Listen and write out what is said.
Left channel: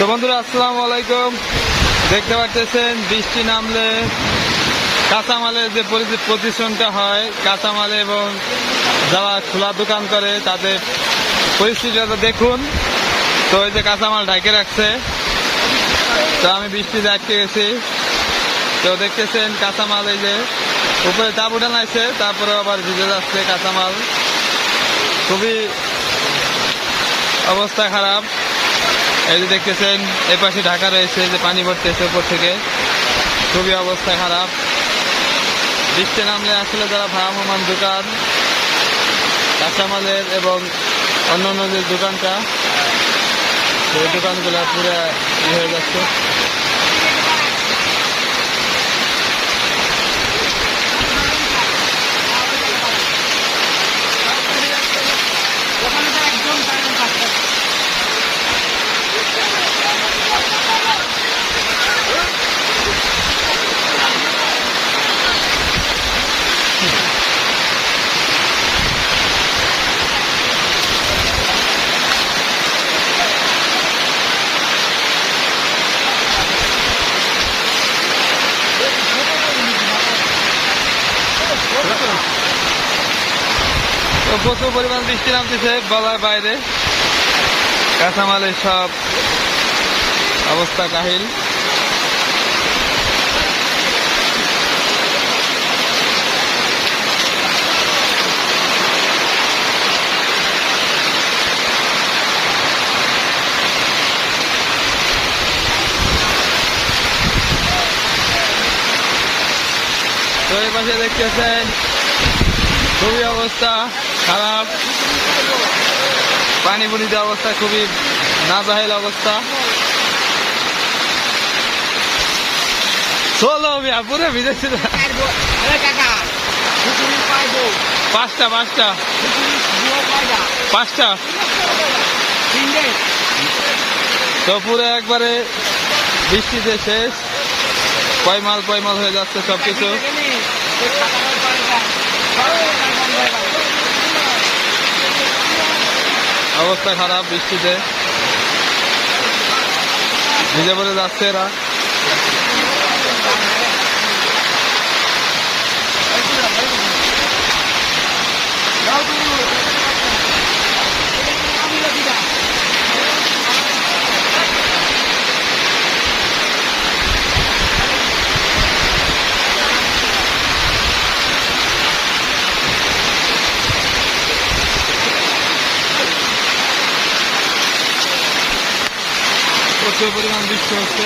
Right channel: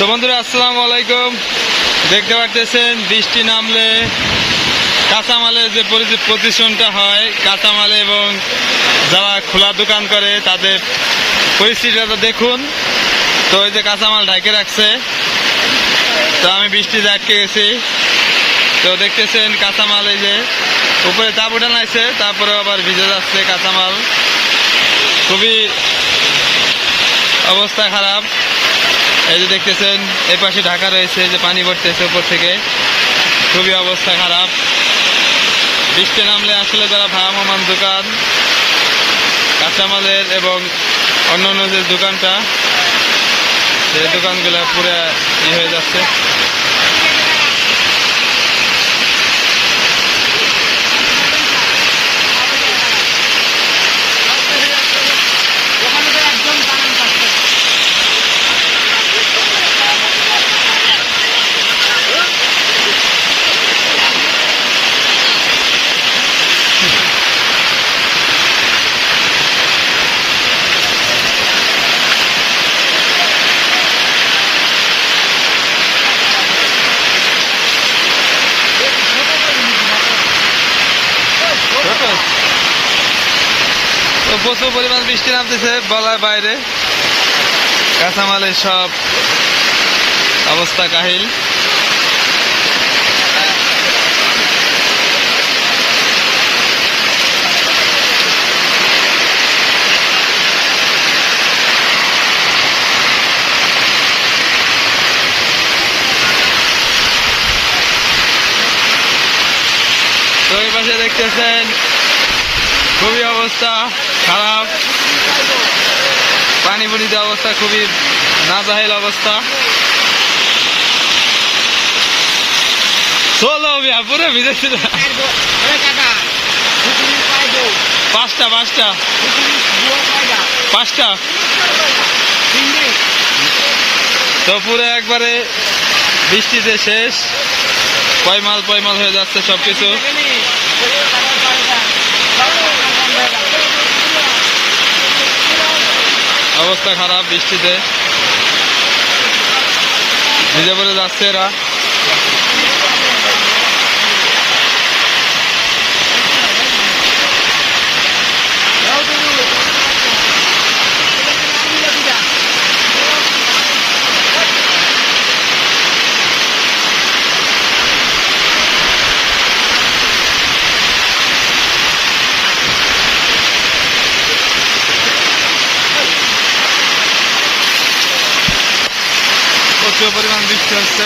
তো বন্ধুরা, আসসালামু আলাইকুম। দেখতে পারতেছেন, বৃষ্টি নামলে কাঁচামালের যে পরি- প্রদূষণটা হয়, কাঁচামালে এবং যারা খোলা দোকান করে, তাদের পরিস্থিতিটা দেখুন। তো ওই যে কাঁচামাল ঢাকে রাখছে, তো আমি বৃষ্টি আটকে গেছি। তো দেখতেছেন, কাঁচামাল এই যে উপরে তাপ উঠানো আছে তারপরে আবার ভিজে যাচ্ছে কাঁচামাল। খুবই অবস্থা খারাপ। এই যে দেখতেছেন, এই পাশে ঢাকা রয়েছে যে পানি পড়তেছে উপর থেকে। খুবই অবস্থা খারাপ। বৃষ্টি নামলে আসলে যারা ভ্রাম্যমান দোকান, কাঁচামালের এবং অন্যান্য অন্য যে দোকানটা, সেই দোকানগুলো পুরো ই হয়ে যাচ্ছে। তো প্রচুর পরিমাণ বৃষ্টি নামতেছে বলার বাইরে। কাঁচামালের সব অবস্থা কাহিল। পাশে দেখতেছেন খুবই অবস্থা। খারাপ। পানি পুনিতে অবস্থা খুবই নাজাহেল অবস্থা। চলো মিয়া, পুরো ভিজেছে না। পাঁচটা পাঁচটা। পাঁচটা। তো পুরো একবারে বৃষ্টিতে শেষ। পয়মাল পয়মাল হয়ে যাচ্ছে সবকিছু। অবস্থা খারাপ বৃষ্টিতে। ভিজে পড়ে যাচ্ছে এরা। প্রচুর পরিমাণ বৃষ্টি হচ্ছে